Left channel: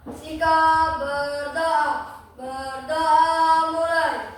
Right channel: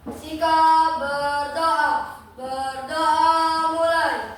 Sikap berdoa. Berdoa mulai.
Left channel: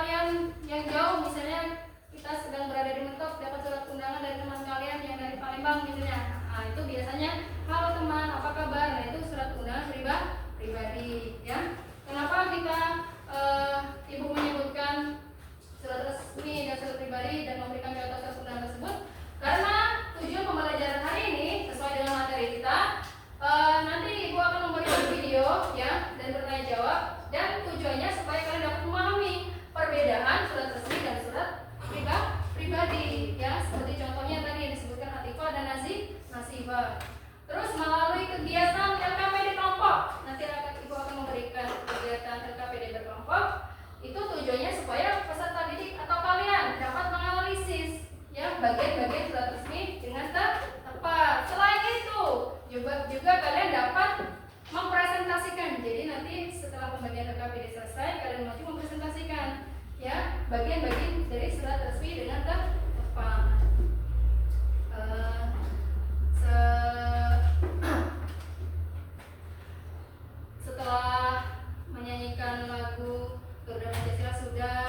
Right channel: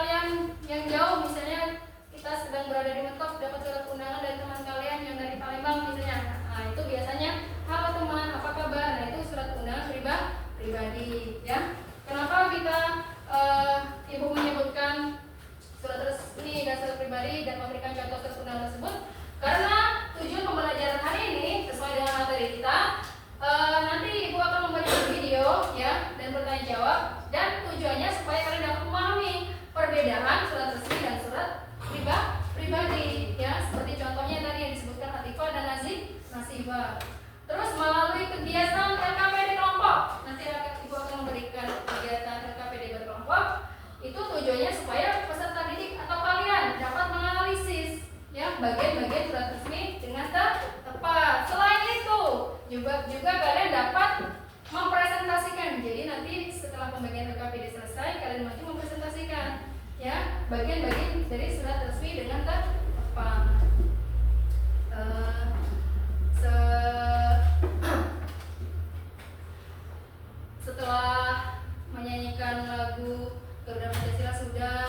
kalian yang jauh, misalnya kita sedang berada di Metop, dapat surat undangan dari teman kalian yang dari Palembang misalnya. Nah, itu biasanya, halo teman, apa kabar? Nah, itu surat undangan pribadi ya. Kenapa kita Ibu menyebutkan surat resmi dan surat pribadi dan memberikan contoh surat undangan tersebut? Karena tujuan pembelajaran hari ini sesuai dengan materi kita, nanti Ibu akan memberikan video ya dan bertanya jawab, dan tujuannya supaya kalian dapat memahami perbedaan surat resmi dan surat pribadi ya, seperti contohnya tadi yang disebutkan Atifah dan Nasibah. Terus melalui kegiatan LKPD kelompok, nanti Ibu akan memberikan kegiatan LKPD berkelompok. Itu tujuannya supaya peserta didik atau kalian dapat menganalisis ya bagian-bagian surat resmi dengan tepat. Selain itu juga kalian dapat mempresentasikan. Jadi nanti setelah pembagian LKPD selesai, kalian maju mempresentasikan ya bagian-bagian dari surat resmi dengan tepat. Setelah menyanyikan lagu Garuda Pancasila sudah,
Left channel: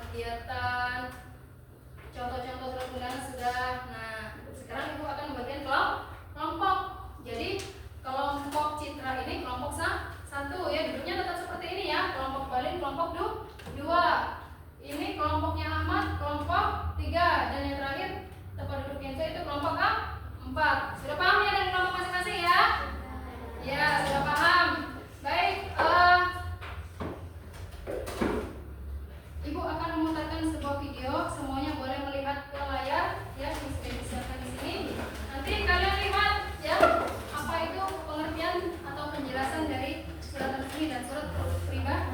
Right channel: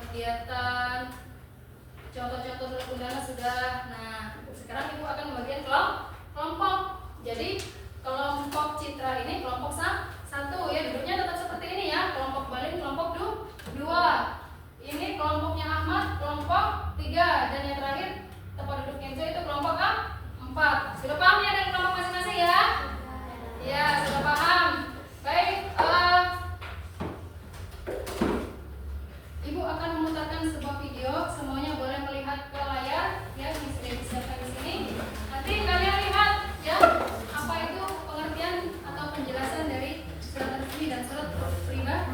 kegiatan contoh-contoh surat undangan sudah. Nah, sekarang Ibu akan membagikan kelompok. Jadi kelompok Citra ini kelompok satu ya, duduknya tetap seperti ini ya. Kelompok Balin kelompok 2. Ini kelompoknya Ahmad kelompok 3, dan yang terakhir tempat duduk Kenzo itu kelompok 4. Sudah paham ya dengan kelompok masing-masing ya? Ya, sudah paham. Baik, Ibu akan memutarkan sebuah video. Semuanya boleh melihat ke layar ya, yang sudah disiapkan di sini. Nanti kalian lihat ya apa itu pengertian atau penjelasan dari surat resmi dan surat pribadi.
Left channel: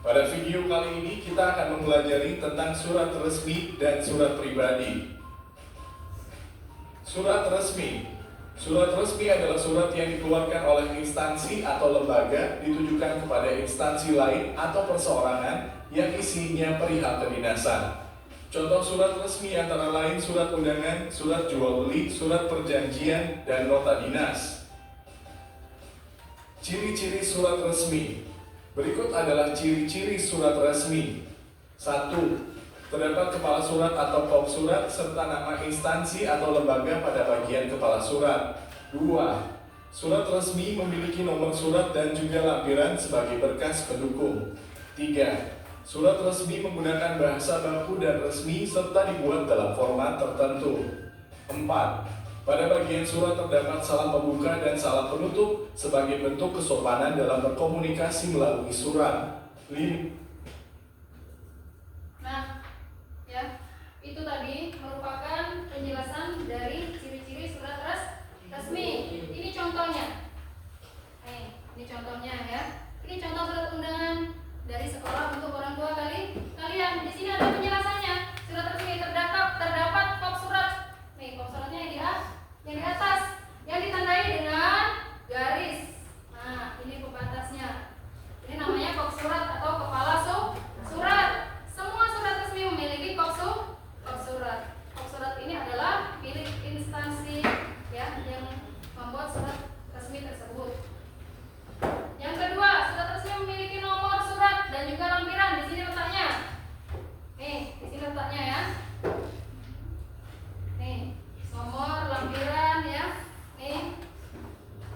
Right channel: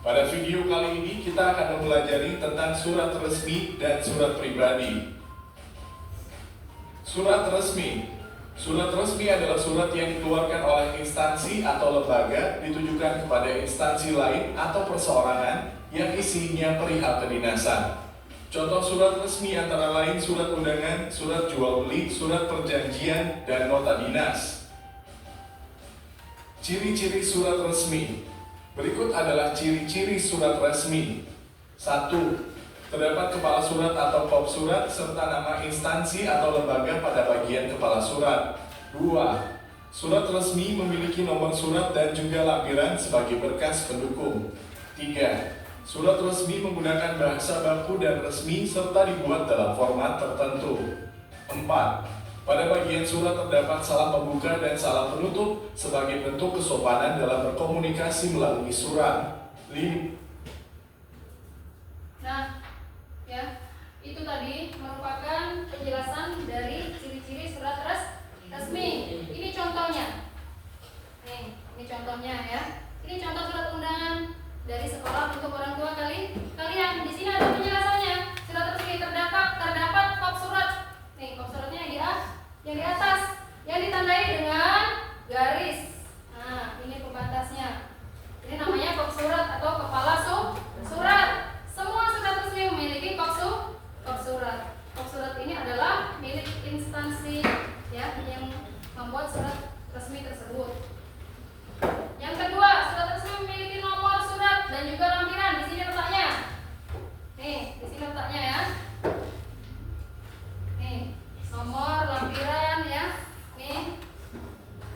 Pada video kali ini kita akan mempelajari tentang surat resmi dan surat pribadi. Surat resmi. Surat resmi adalah surat yang dikeluarkan oleh instansi atau lembaga ditujukan kepada instansi lain atau perseorangan yang isinya perihal kedinasan. Contoh surat resmi antara lain surat undangan, surat jual beli, surat perjanjian, dan nota dinas. Ciri-ciri surat resmi. Berikut adalah ciri-ciri surat resmi. 1. Terdapat kepala surat atau kop surat serta nama instansi atau lembaga pada bagian kepala surat. 2. Surat resmi memiliki nomor surat dan juga lampiran sebagai berkas pendukung. 3. Surat resmi menggunakan bahasa baku dan resmi serta dibuat dalam format tertentu. 4. Pada bagian surat terdapat salam pembuka dan salam penutup sebagai bentuk kesopanan dalam berkomunikasi melalui surat. 5. Nah, ya, itu tadi merupakan penjelasan dari ciri-ciri surat resmi. Ini contohnya. Ini contohnya ya. Ini contoh surat undangan dari sekolah untuk orang tua kalian. Di sini ada penjelasannya. Surat resmi terdapat kop surat. Nih, kop suratnya yang di atas yang ditandai dengan garis. Nah, ini pembatasnya. Ini namanya kop surat atau kepala surat. Semua surat resmi memiliki kop surat. Kop surat ini adalah milik instansi ya yang membuat surat resmi tersebut. Yang kedua, surat resmi memiliki nomor surat dan juga lampiran. Di sini letaknya. Nih, di sini letaknya ya. Nih, nomor lampiran ya. Nih.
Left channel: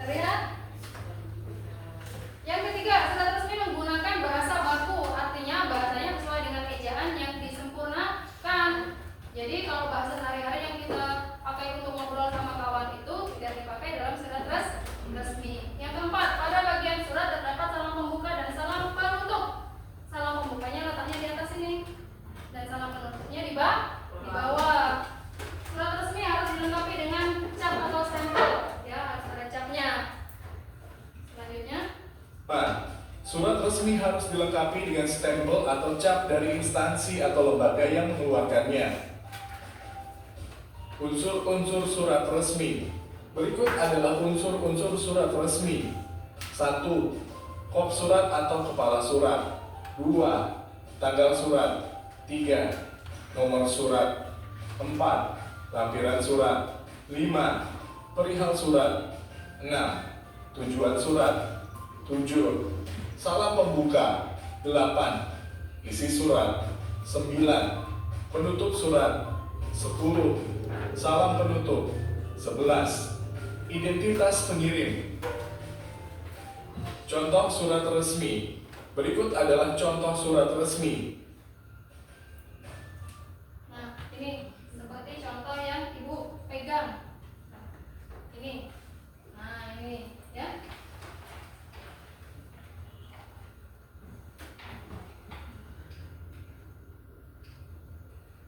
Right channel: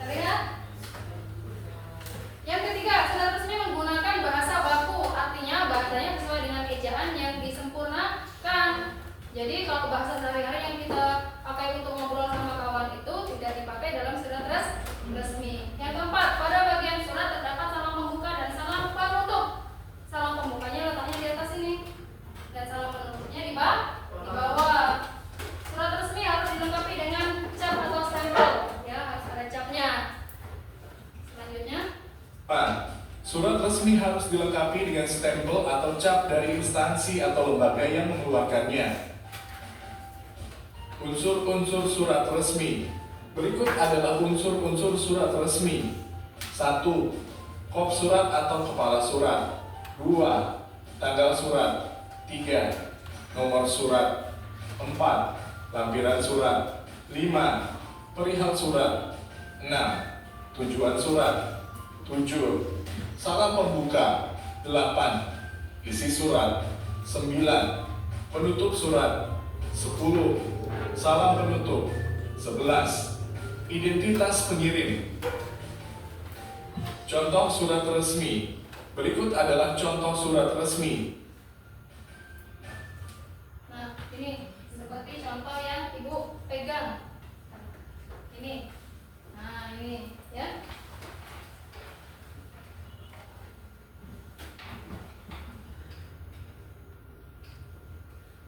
Terlihat? Yang ketiga, surat resmi menggunakan bahasa baku. Artinya bahasanya sesuai dengan ejaan yang disempurnakan. Jadi kalau bahasa sehari-hari yang kita pakai untuk ngobrol sama kawan itu tidak dipakai dalam surat resmi. Yang keempat, pada bagian surat terdapat salam pembuka dan salam penutup. Salam pembukanya letaknya di atas ini dan salam penutupnya di bawah. Surat resmi harus dilengkapi dengan cap atau stempel, ya harus ada capnya. Selanjutnya, surat resmi harus dilengkapi dengan stempel atau cap dari instansi atau lembaga yang mengeluarkannya. Unsur-unsur surat resmi. Berikut adalah unsur-unsur surat resmi. 1. Kop surat atau kepala surat. 2. Tanggal surat. 3. nomor surat. 4. Lampiran surat. 5. Perihal surat. 6. Tujuan surat. 7. Salam pembuka. 8. Isi surat. 9. Penutup surat. 10. Salam penutup. 11. Identitas pengirim. Contoh surat resmi. Berikut adalah contoh surat resmi. Nah, ini seperti contoh yang Ibu pegang. Ini. Nah, ini ya.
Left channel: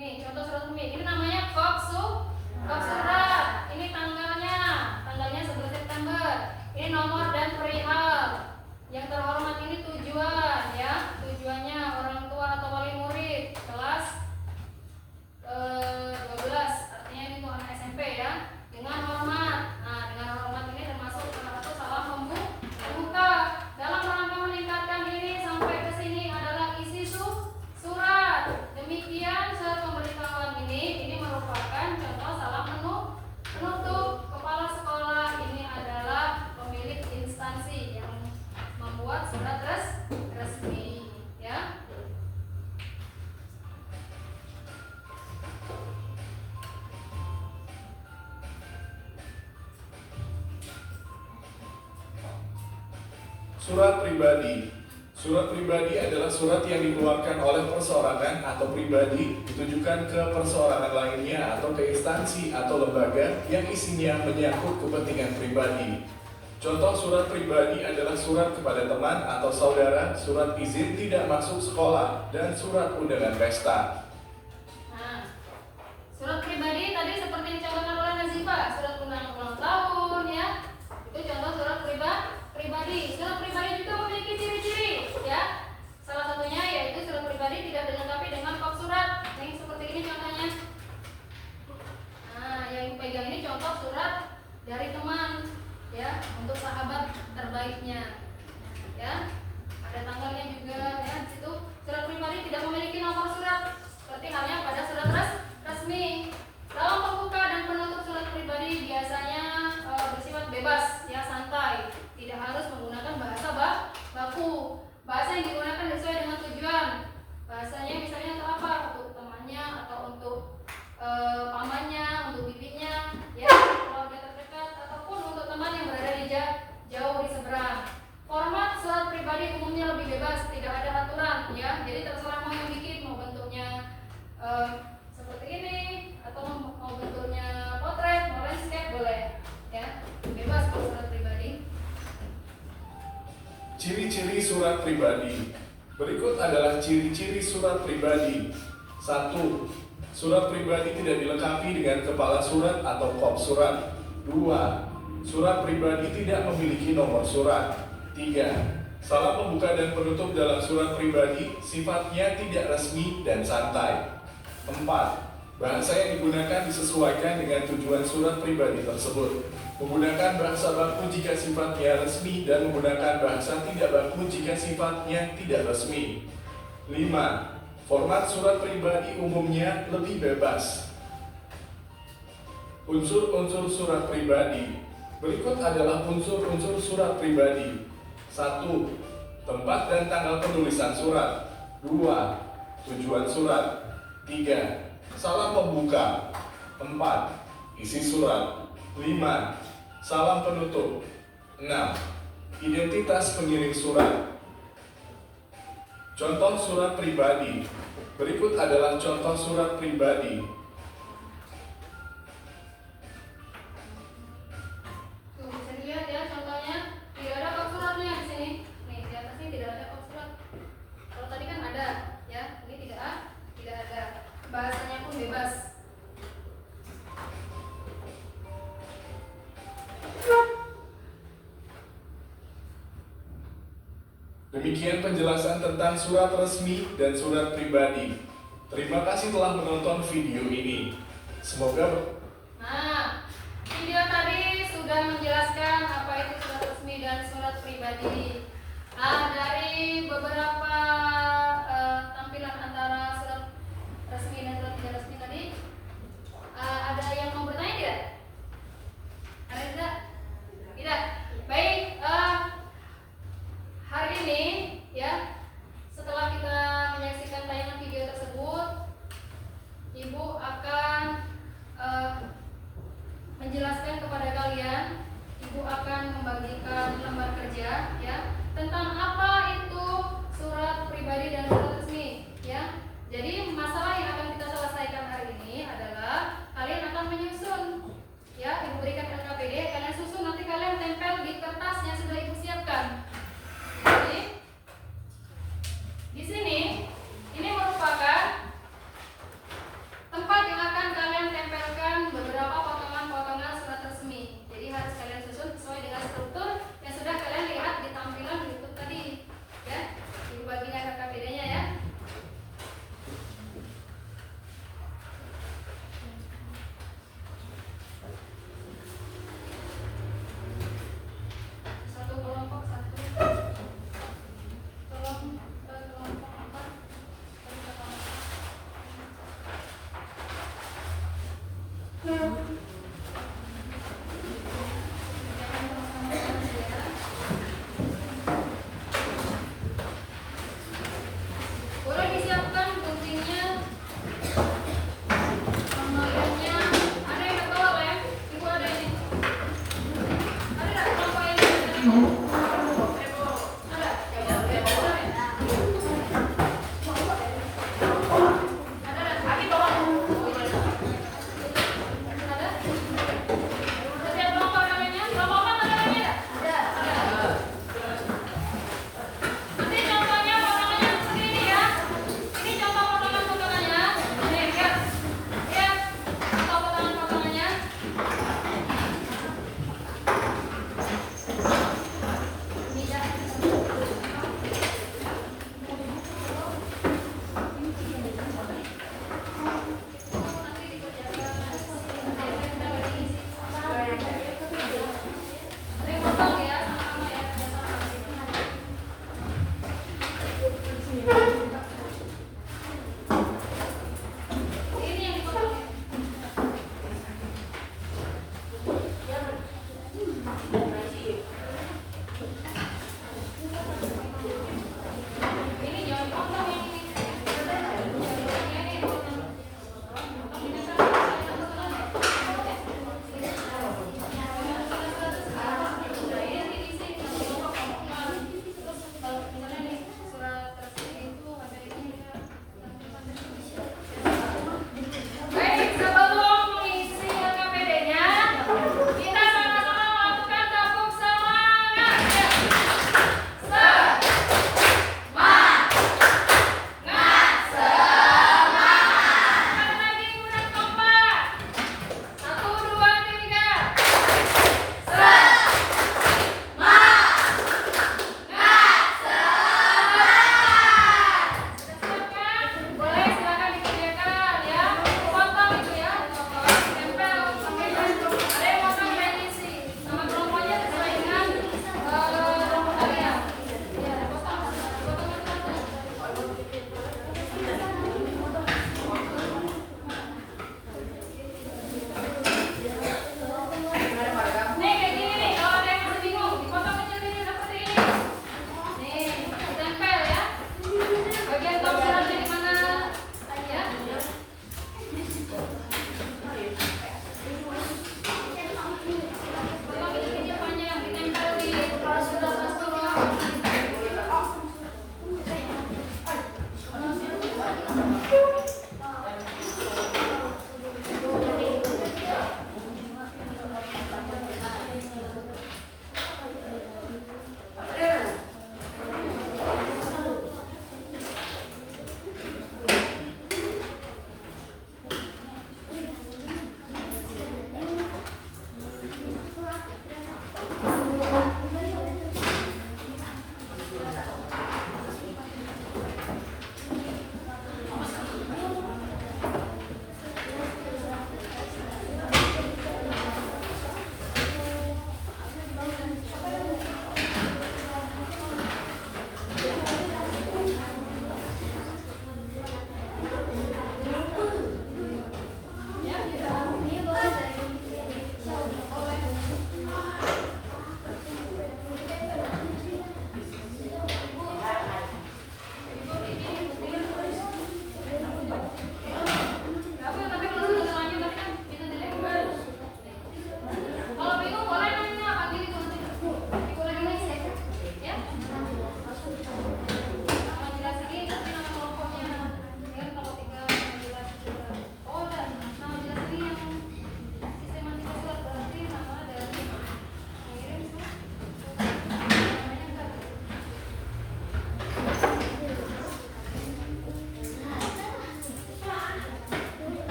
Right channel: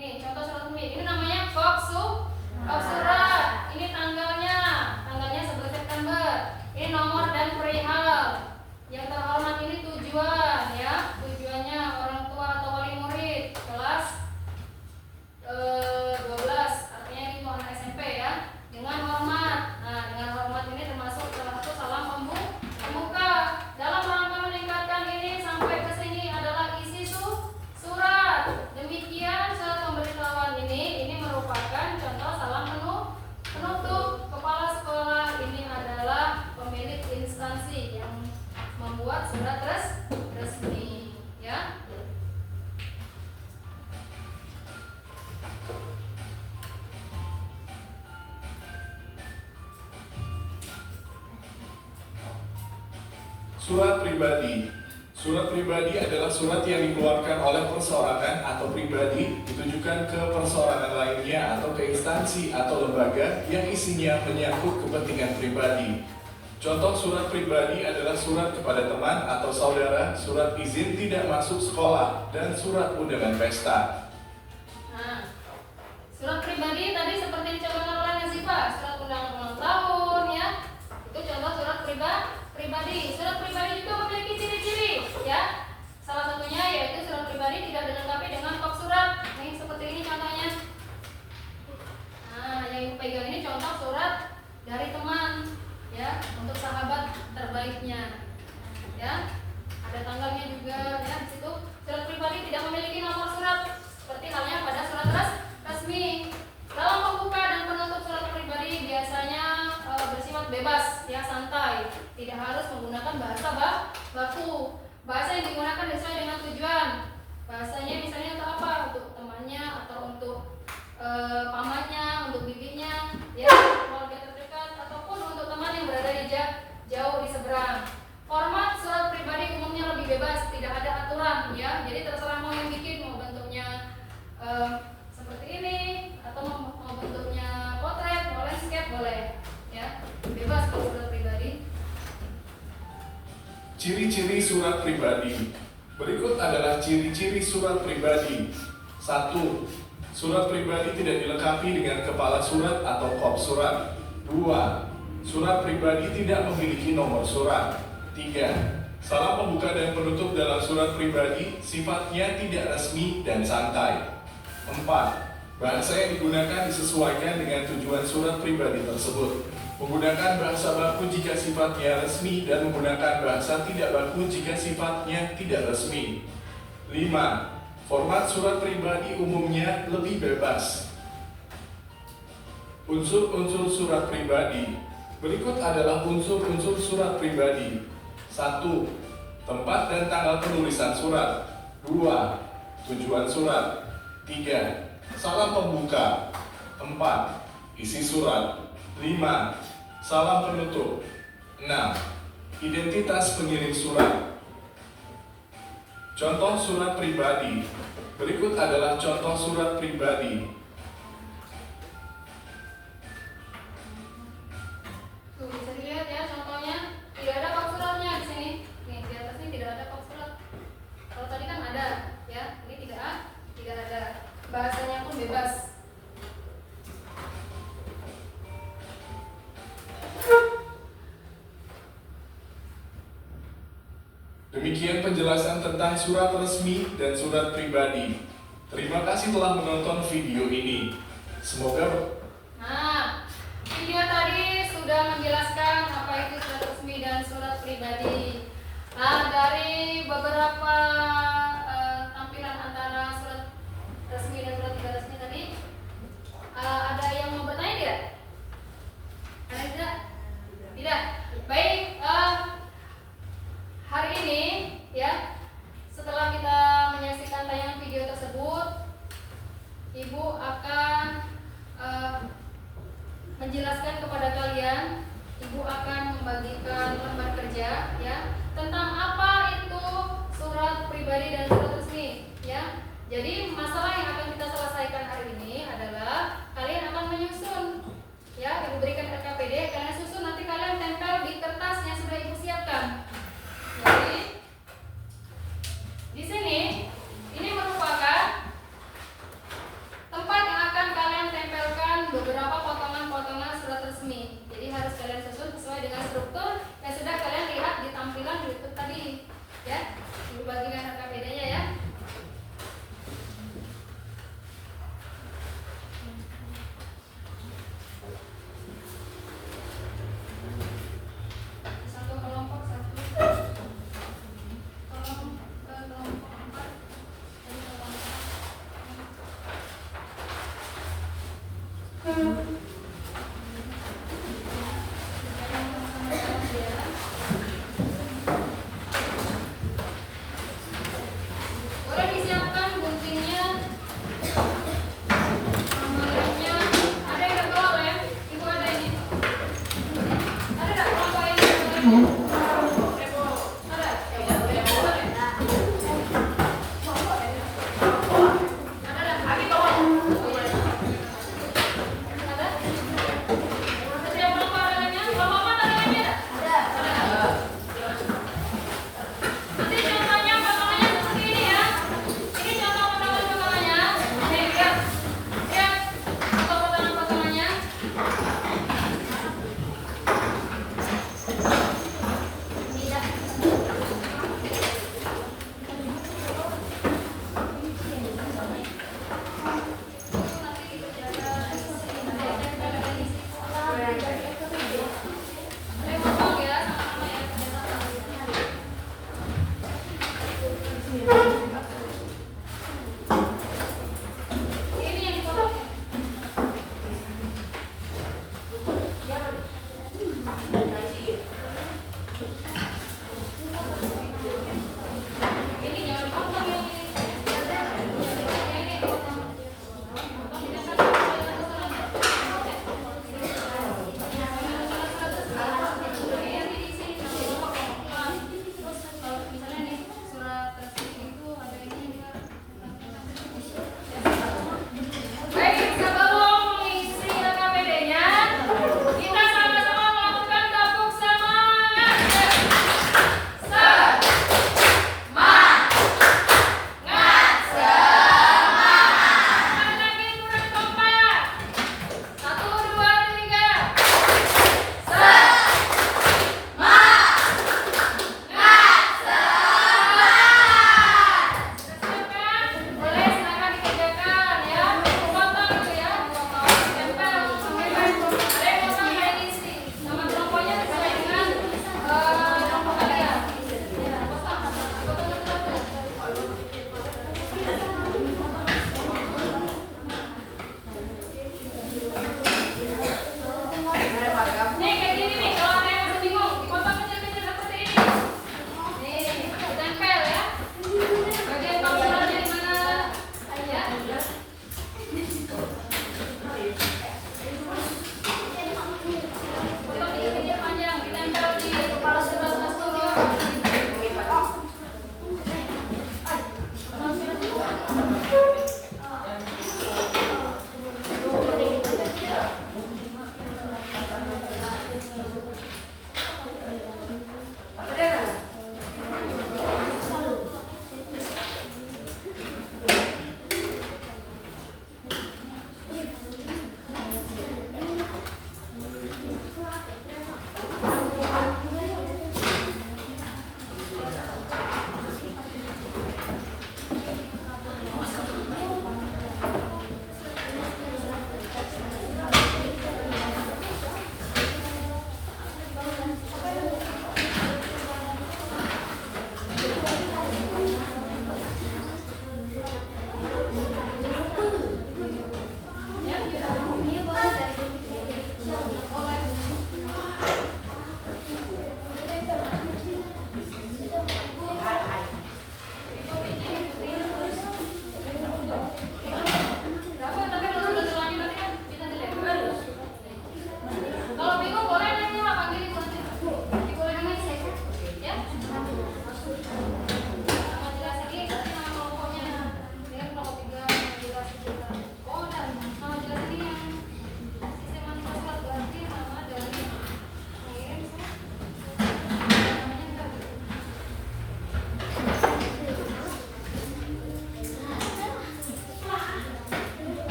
Nih, contoh surat resmi. Ini namanya kop surat. Ini tanggalnya 11 September. Ini nomor dan perihal. Yang terhormat ini tujuan ya. Tujuannya orang tua atau wali murid kelas 12. Artinya ini untuk anak SMP ya. Dengan hormat. Nah, dengan hormat ini termasuk salah satu salam pembuka. Dalam rangka meningkatkan ini sampai ke sini adalah isi surat. Demikian surat pemberitahuan ini merupakan contoh salam penutup. Kepala sekolah ini adalah pemilik instansi yang membuat surat resmi ya. Surat pribadi. Surat pribadi adalah surat yang dikeluarkan oleh perseorangan atau pribadi ditujukan ke perseorangan lainnya atau ke instansi atau lembaga yang isinya menyangkut kepentingan pribadi. Contoh surat pribadi adalah surat kepada teman atau saudara, surat izin tidak masuk sekolah, dan surat undangan pesta. Nah, surat pribadi tadi seperti dicontohkan oleh Nazifa, surat ulang tahun ya. Itu contoh surat pribadi. Surat pribadi juga memiliki ciri-ciri ya. Salah satunya yaitu surat pribadi tidak dilengkapi dengan kop surat. Nih seperti ini contohnya. Nah, yang pegang ini contoh surat dari teman ya, untuk sahabat terbaiknya ya. Ada tanggalnya juga ya di situ. Surat pribadi tidak memiliki nomor surat seperti halnya pada surat resmi. Dalam pembuka dan penutup surat pribadi biasanya bersifat bebas ya, santai, tidak harus menggunakan bahasa baku. Bahasa yang digunakan sesuai dengan tujuan. Bahasanya misalnya untuk apa? Untuk temannya atau untuk pamannya, untuk bibinya ya, keluarga terdekat ataupun untuk teman yang berada di jauh di seberang. Format surat pribadi umumnya lebih bebas, tidak ada aturan ya. Jadi terserah mau yang bikin, mau bentuknya seperti ini atau mau bentuknya potret, mau landscape boleh ya. Bebas kalau surat pribadi. Ciri-ciri surat pribadi. Berikut adalah ciri-ciri surat pribadi. 1. Surat pribadi tidak dilengkapi dengan kepala surat atau kop surat. 2. Surat pribadi tidak memiliki nomor surat. 3. Salam pembuka dan penutup dalam surat pribadi sifatnya tidak resmi dan santai. 4. Bahasa yang digunakan disesuaikan dengan tujuan surat pribadi tersebut. Menggunakan bahasa baku jika sifatnya resmi dan menggunakan bahasa tidak baku jika sifatnya tidak resmi. 5. Format surat pribadi umumnya lebih bebas. Unsur-unsur surat pribadi. Berikut adalah unsur-unsur surat pribadi. 1. Tempat dan tanggal penulisan surat. 2. Tujuan surat. 3. Salam pembuka. 4. Isi surat. 5. Salam penutup. 6. Identitas pengirim surat. Contoh surat pribadi. Berikut adalah contoh surat pribadi. Tuh bisa dilihat ya contohnya, tidak ada kop suratnya di sini. Nih di atas ini tidak ada kop surat. Kalau tadi kan ada ya, ini tidak ada. Bahasanya pun bebas. Demikian penjelasan tentang surat resmi dan surat pribadi. Terima kasih telah menonton video ini. Semoga Nah, video tadi sudah menjelaskan apa itu surat resmi dan surat pribadi. Nah, dari beberapa tampilan antara surat resmi dan surat menjelaskan kepada kalian, Ibu akan membagikan lembar kerja ya tentang apa itu surat pribadi dan surat resmi ya. Jadi masalah yang akan kita selesaikan hari ini adalah kalian akan menyusun ya, Ibu berikan LKPD, kalian susun, nanti kalian tempel di kertas yang sudah Ibu siapkan. Jadi di sini ini merupakan tempat yang akan kalian tempelkan beberapa potongan-potongan surat resmi. Jadi harus kalian susun sesuai dengan struktur yang sudah kalian lihat di tampilan YouTube tadi ya. Ibu bagikan LKPD-nya ya.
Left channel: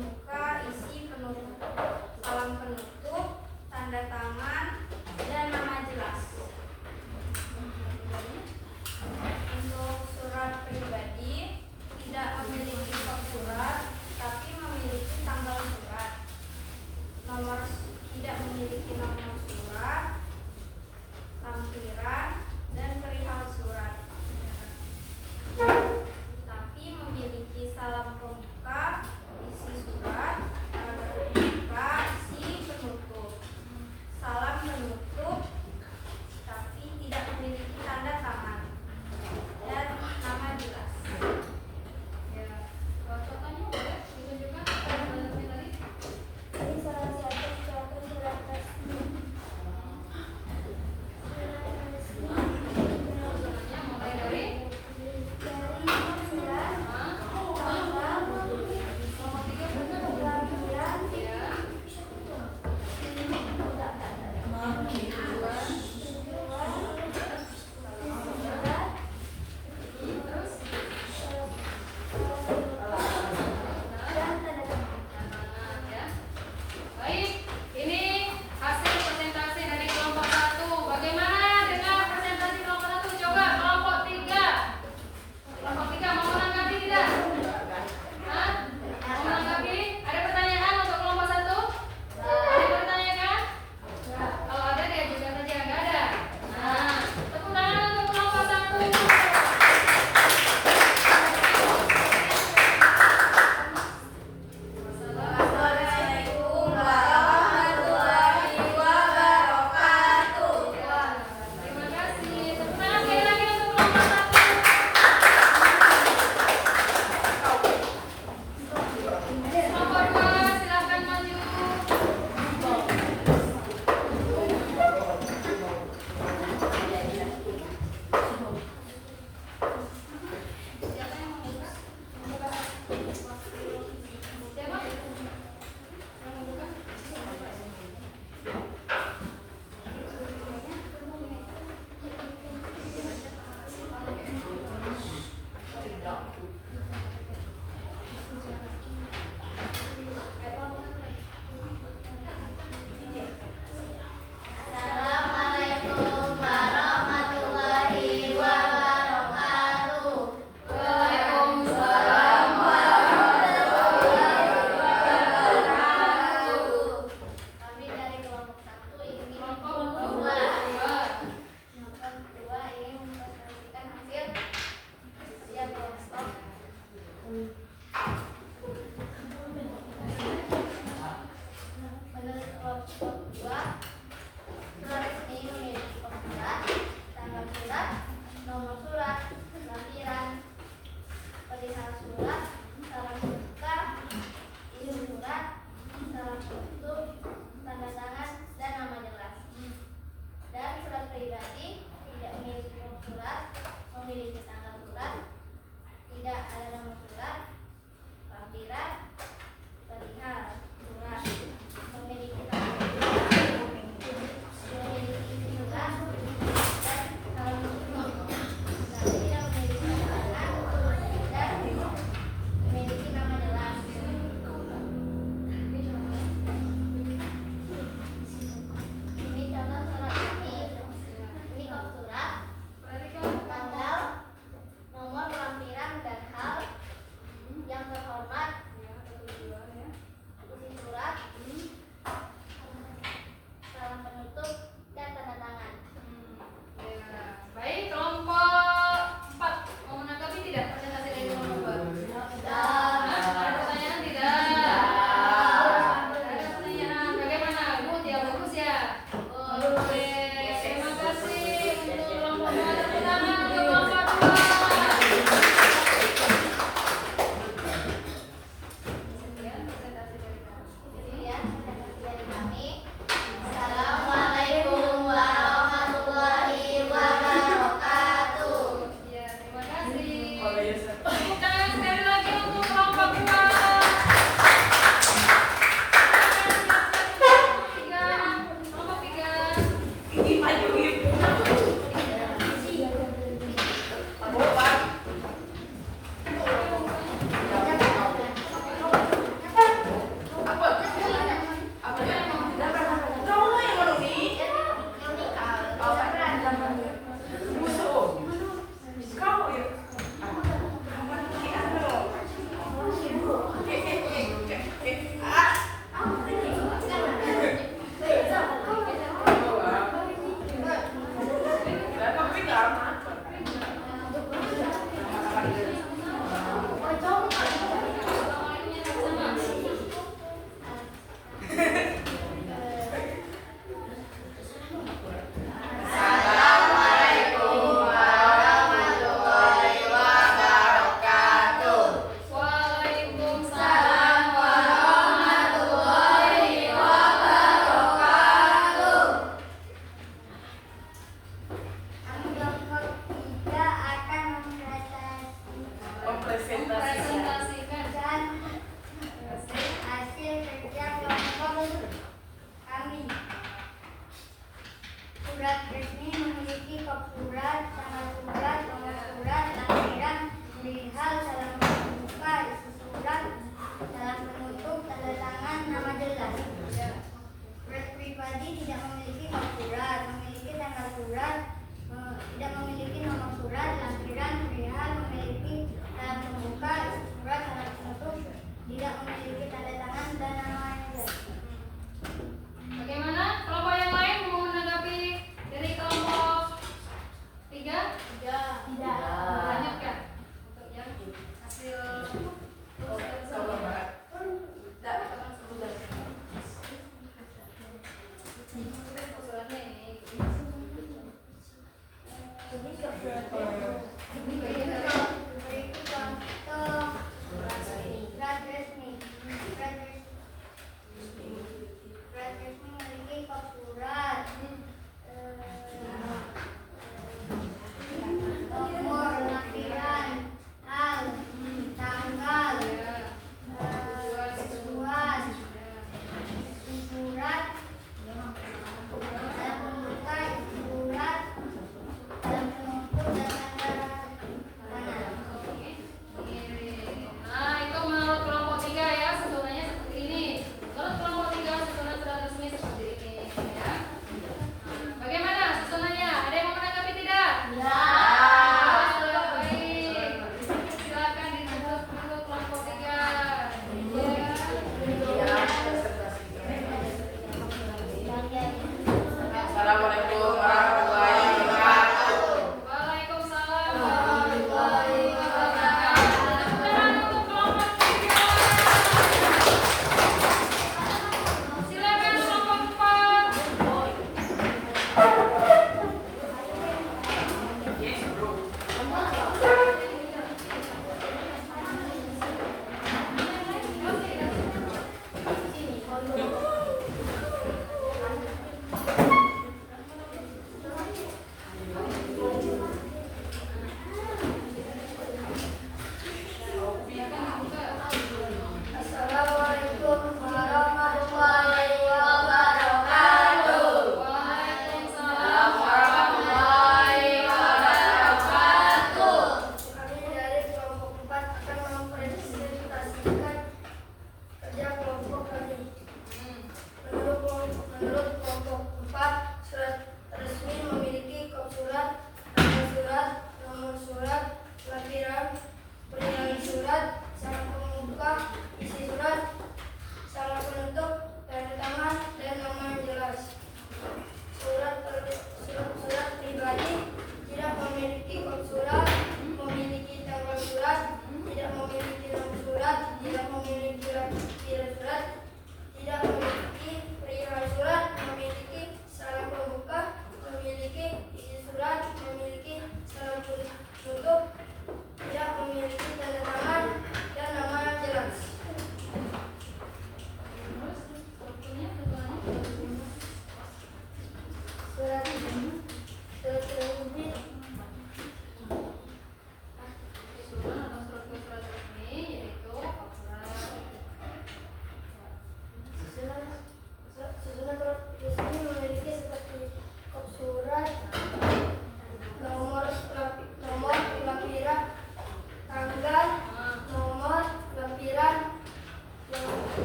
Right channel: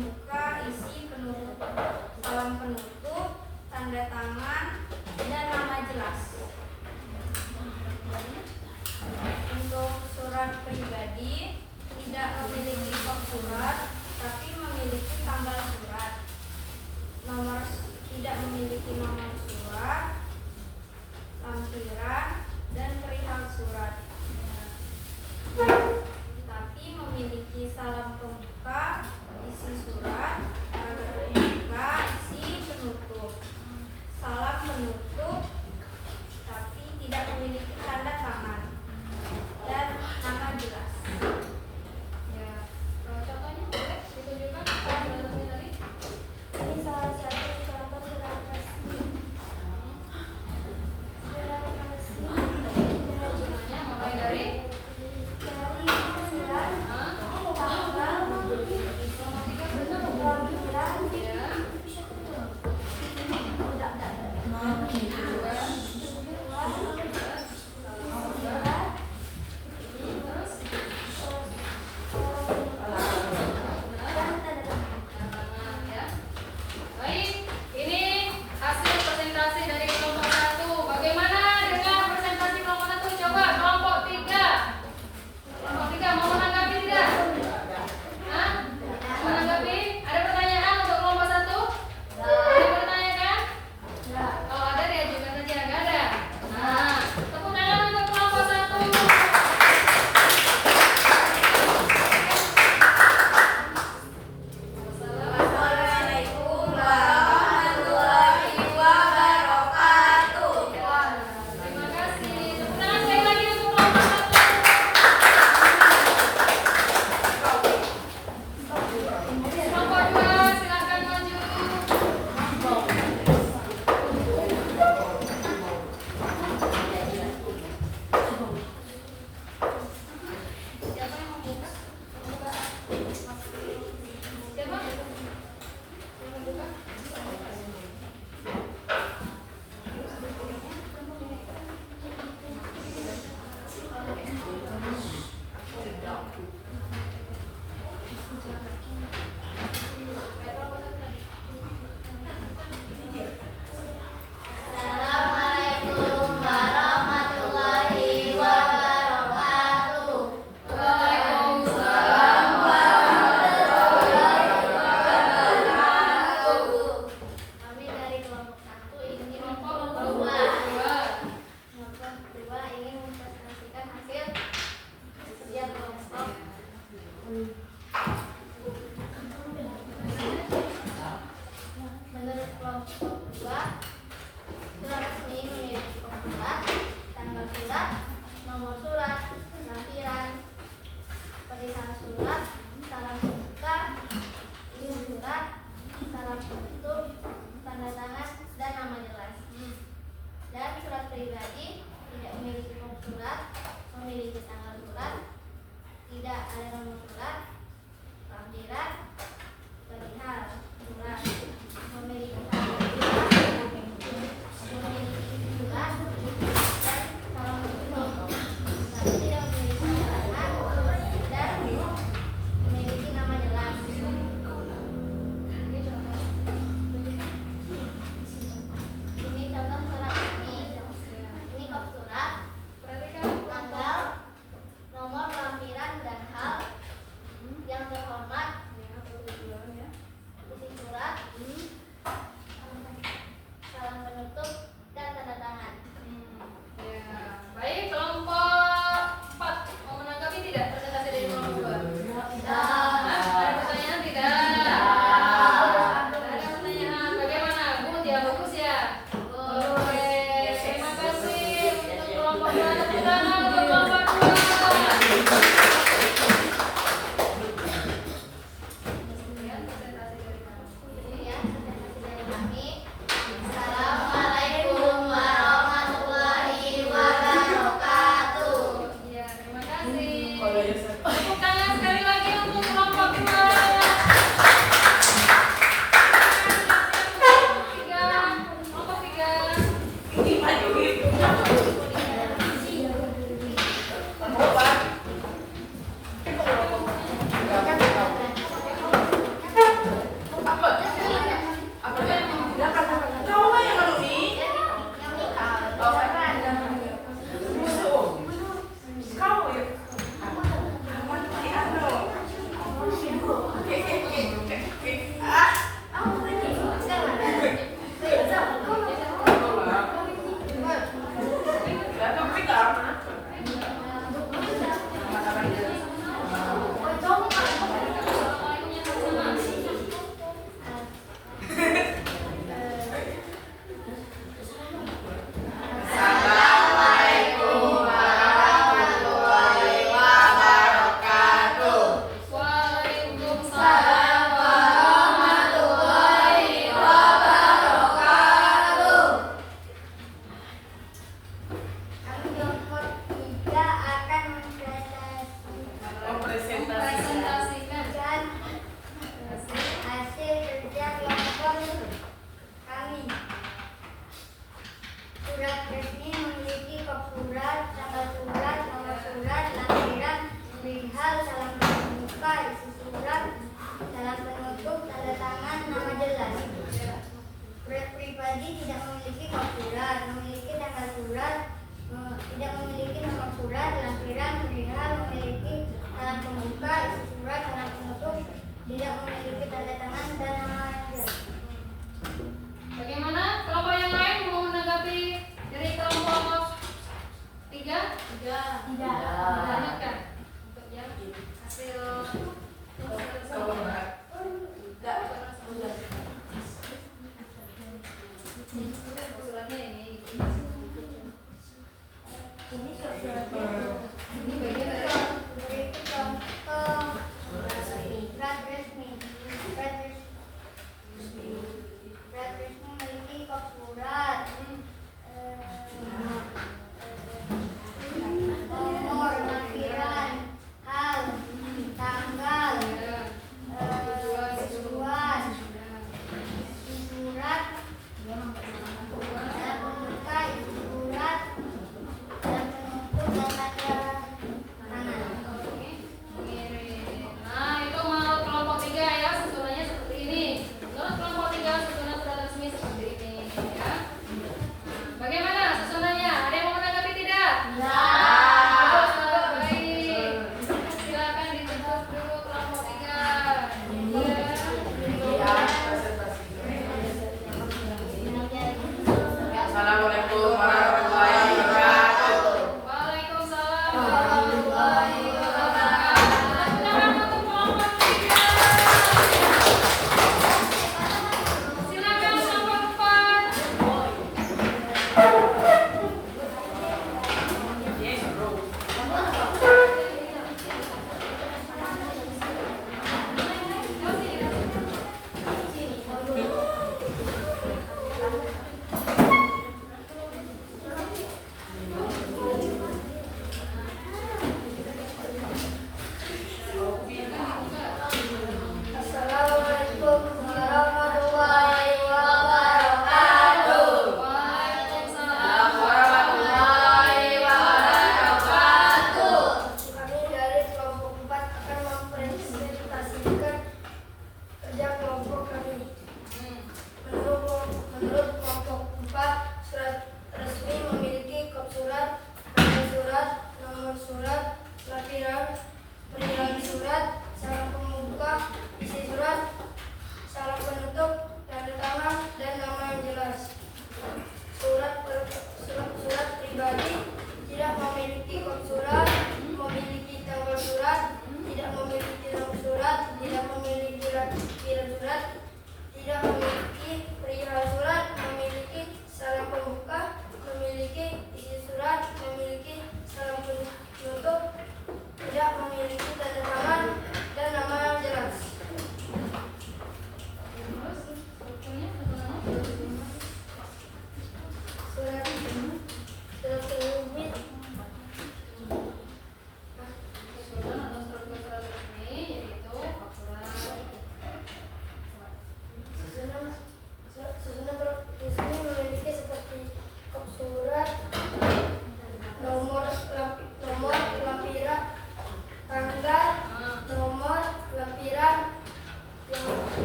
pembuka, isi penutup, salam penutup, tanda tangan, dan nama jelas. Untuk surat pribadi tidak memiliki kop surat, tapi memiliki tanggal surat. Tidak memiliki nomor surat, lampiran, dan perihal surat. Tapi memiliki salam pembuka, isi surat,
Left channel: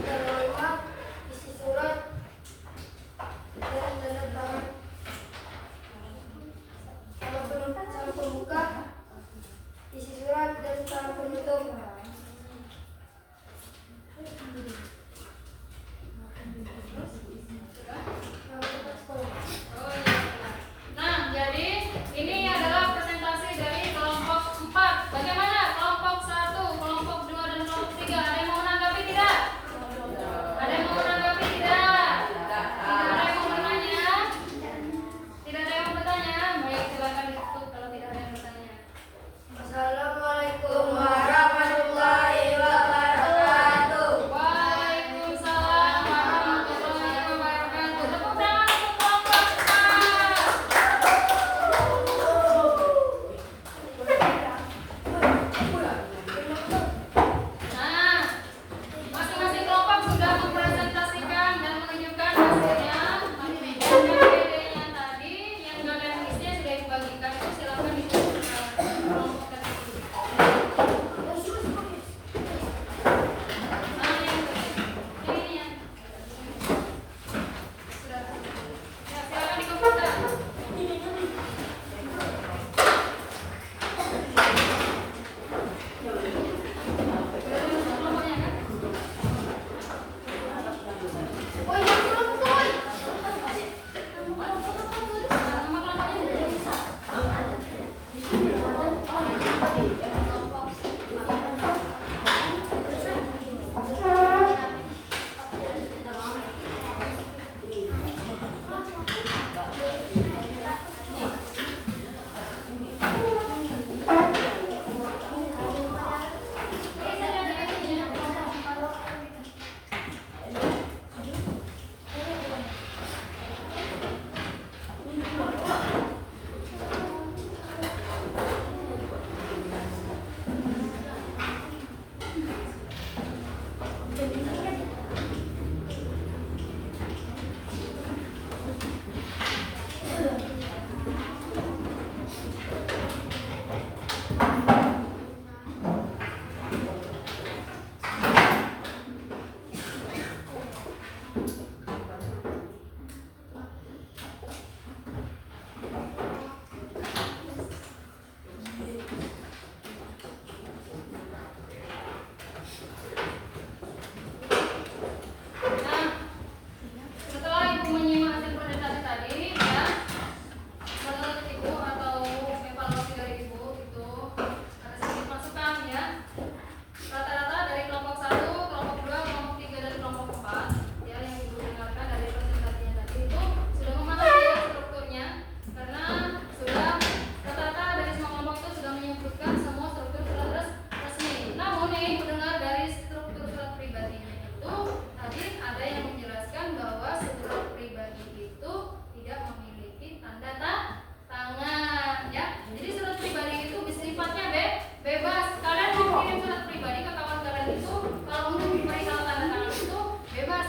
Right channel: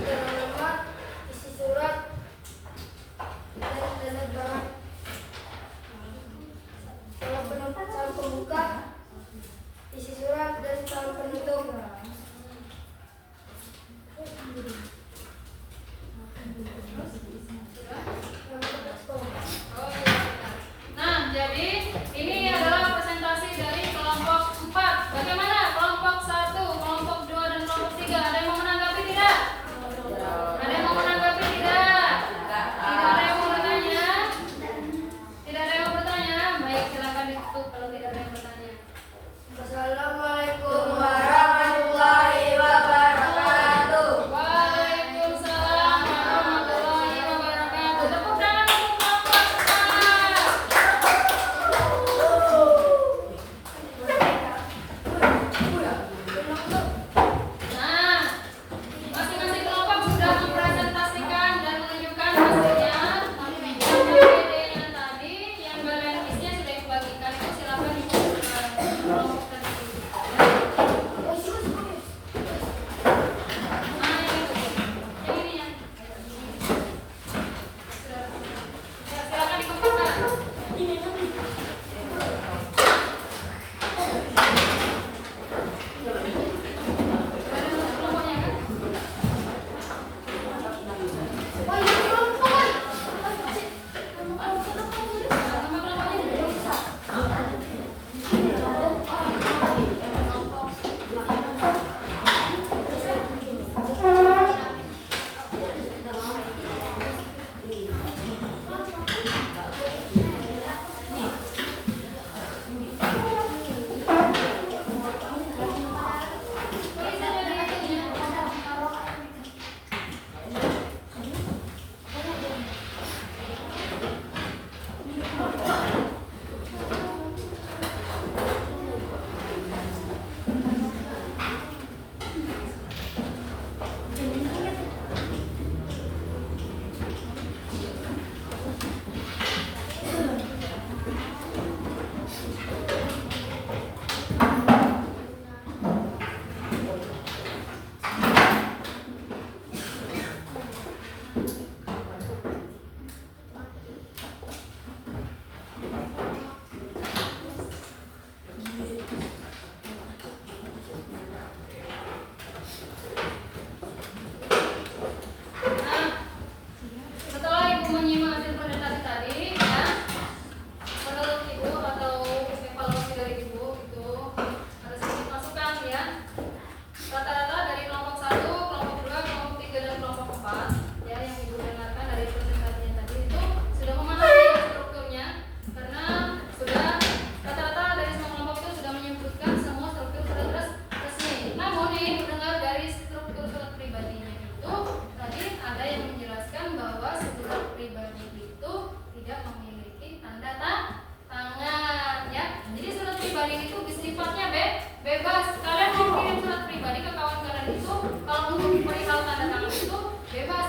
Yang 5, isi surat dan tanda tangan. Salam pembuka, isi surat dan salam penutup. Nah, jadi ini adalah presentasi dari kelompok 4. Bagaimana kelompok 1, kelompok 2, dan kelompok 3? Ada yang mau menanggapi tidak? Ada yang mau menanggapi tidak? Tidak ada yang mau bertanya? Tidak ada yang mau bertanya? Baik, silakan ditutup kalau tidak ada yang bertanya. Assalamualaikum warahmatullahi wabarakatuh. Waalaikumsalam warahmatullahi wabarakatuh. Tepuk tangan untuk kelompok 4. Nah, masing-masing kelompok sudah mempresentasikan dan menunjukkan hasilnya. Yang PPT-nya tadi, yang kalian isinya sudah dibagikan, itu silakan dibagikan ke kelompok tadi. Nah, yang ini ya. Ya, silakan dikumpulkan. Kelompoknya kan? Nama kelompoknya. Nah, setelah Ibu menyimak hasil presentasi tadi, ya, menurut Ibu atau evaluasi dari Ibu itu ada sedikit masukan ya. Rata-rata dari kelompok 1, kelompok 2, kelompok 3, dan kelompok 4 ya, yang Ibu dengarkan dari presentasinya tadi itu sudah memahami ya strukturnya, karena sudah rata-rata dari semua kelompok itu sudah menyebutkan semua struktur surat resmi. Namun ini mendengar dari struktur surat pribadinya itu tadi ada yang menjelaskan bahwa surat pribadi itu tidak memiliki tanda tangan ya. Jadi surat pribadi itu sifatnya bebas. Kalian mau kirim surat pribadi ke kawan kalian itu, kalau untuk perihal tanda tangan itu bebas.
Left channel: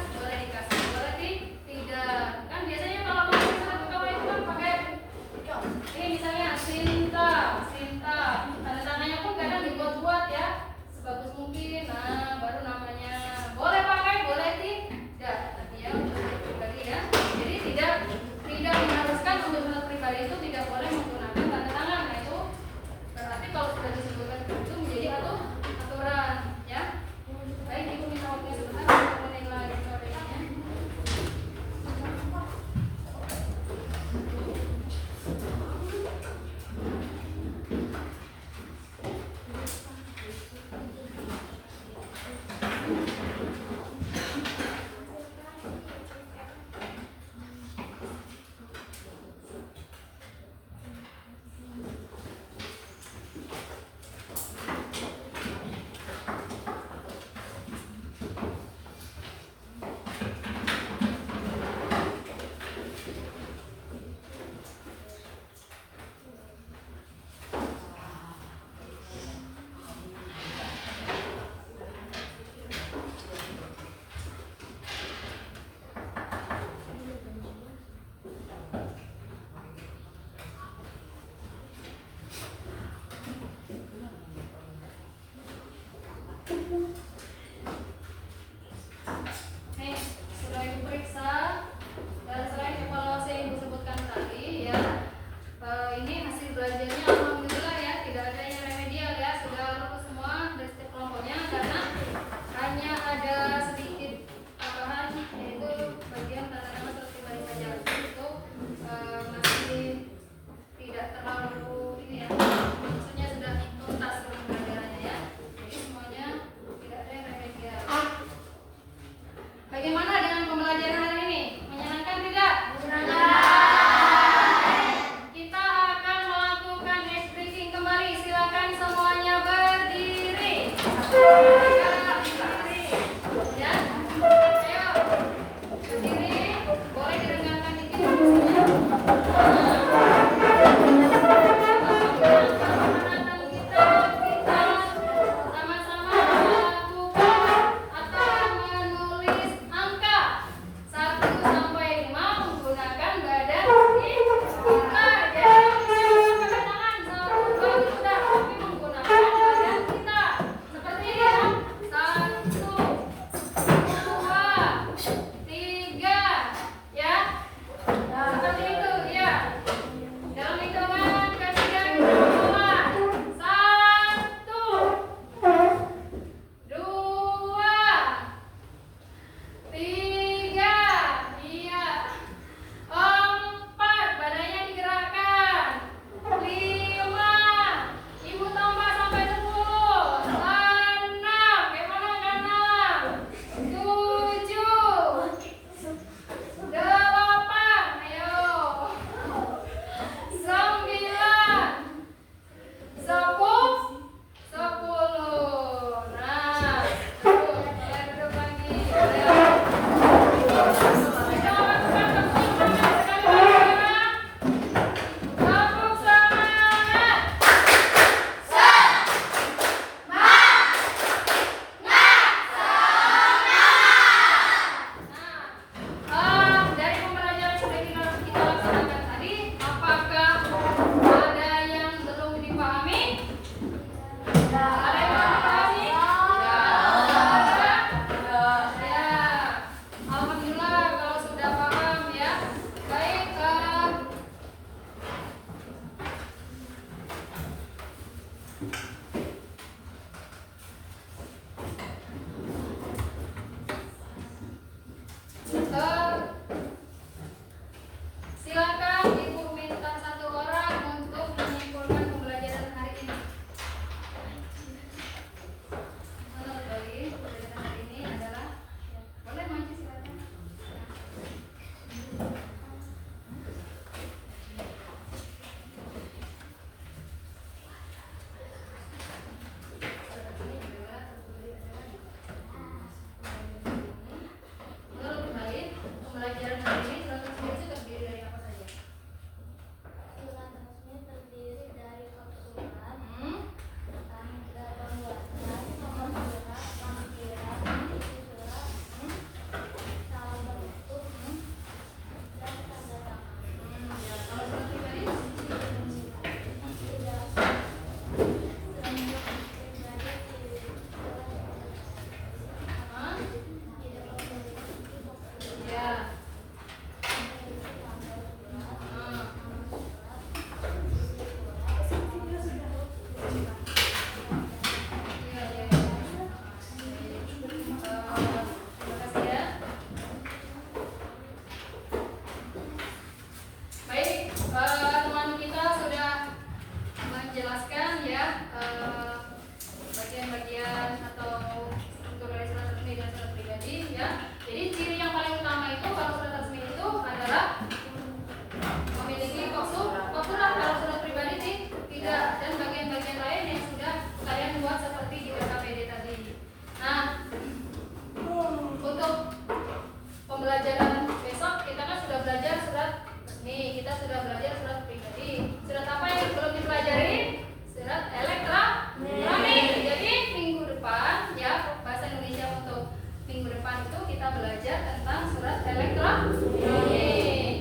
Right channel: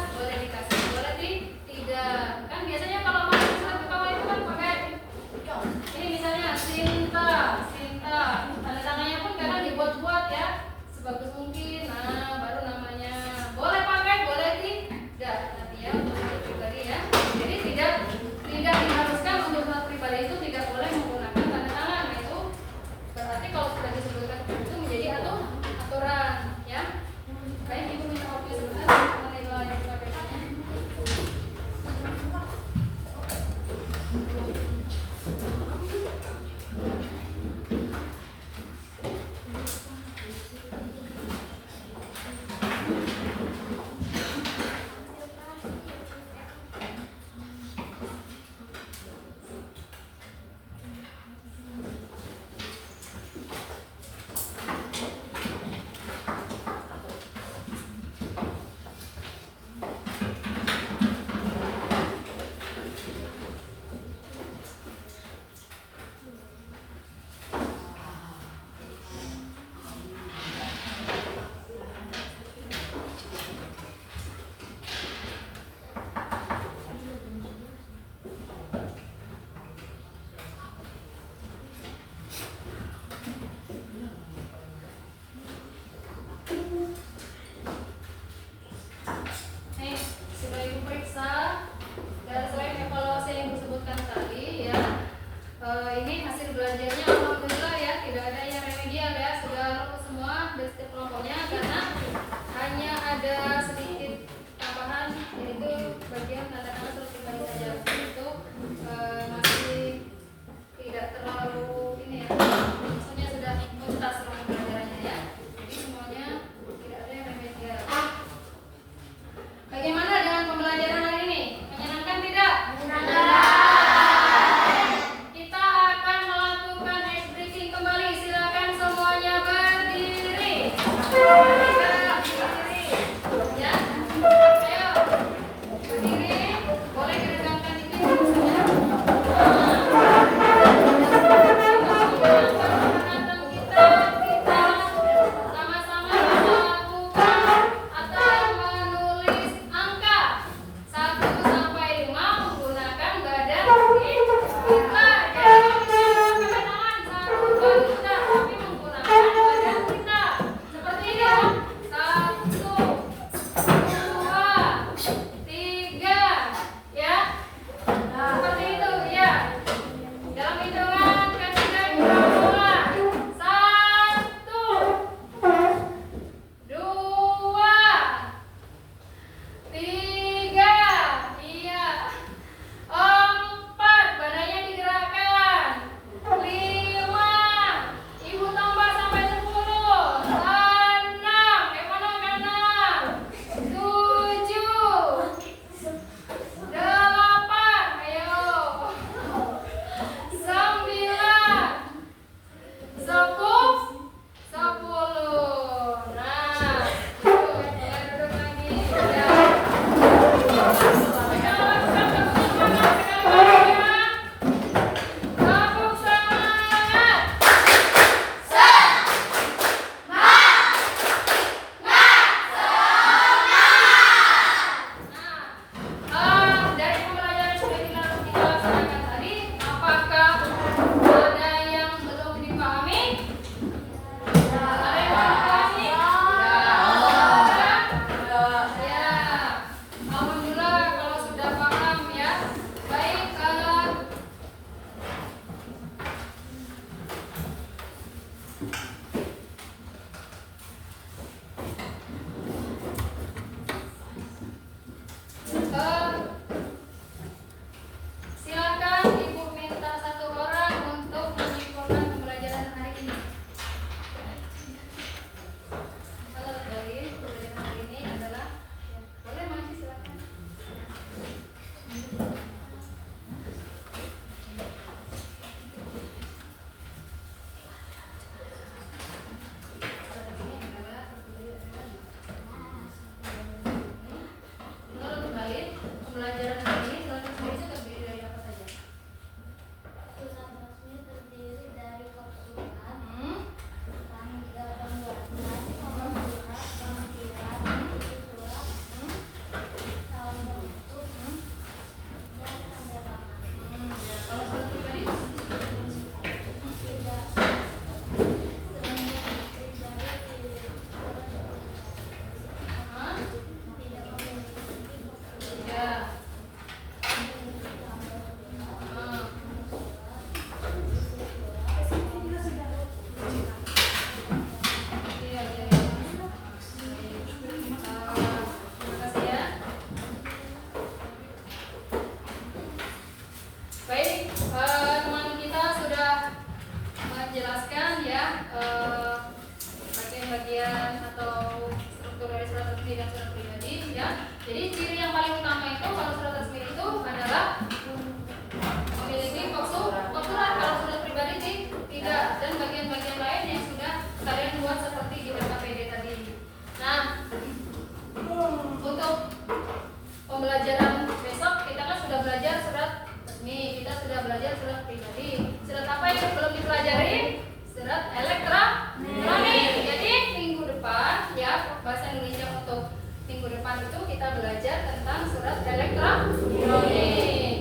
pembelajaran besok kita kan sudah belajar surat resmi, kita sudah belajar surat pribadi. Surat apa yang belum dipelajari? Surat elektronik. Jadi minggu depan ya bahasa Indonesia untuk minggu depan itu kita belajar tentang surat elektronik.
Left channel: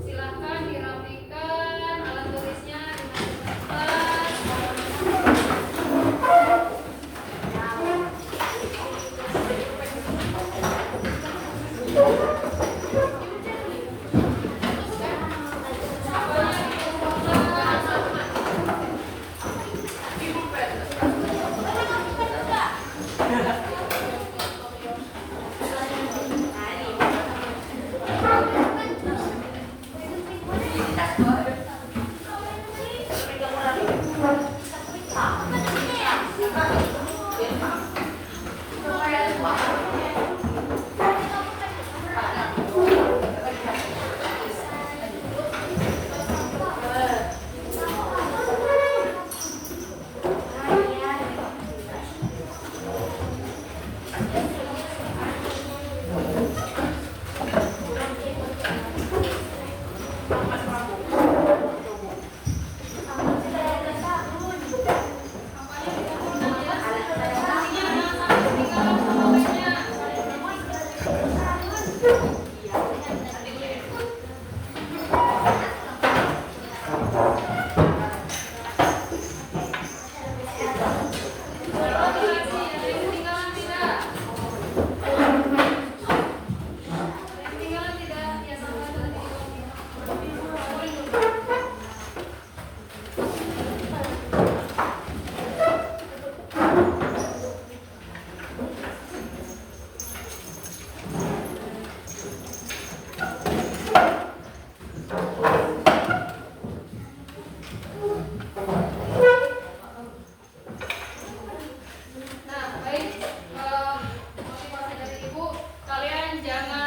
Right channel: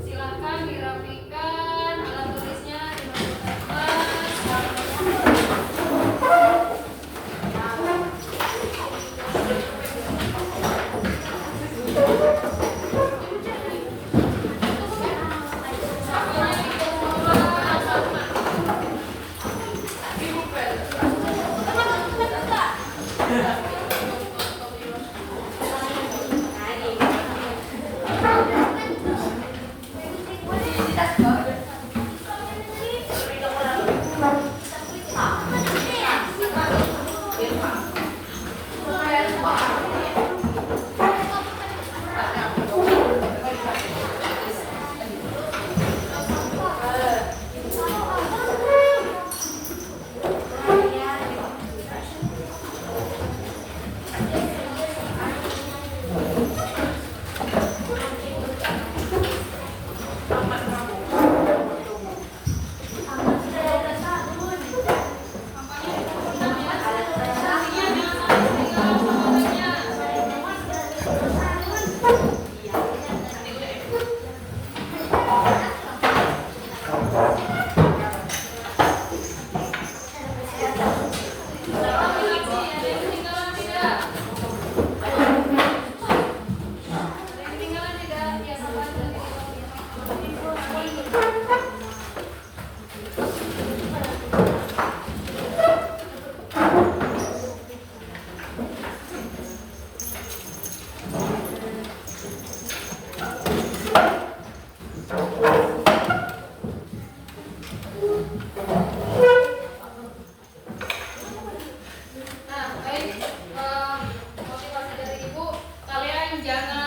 Silahkan dirapikan alat tulisnya dimasukkan motivasi dari ibu, kalian jangan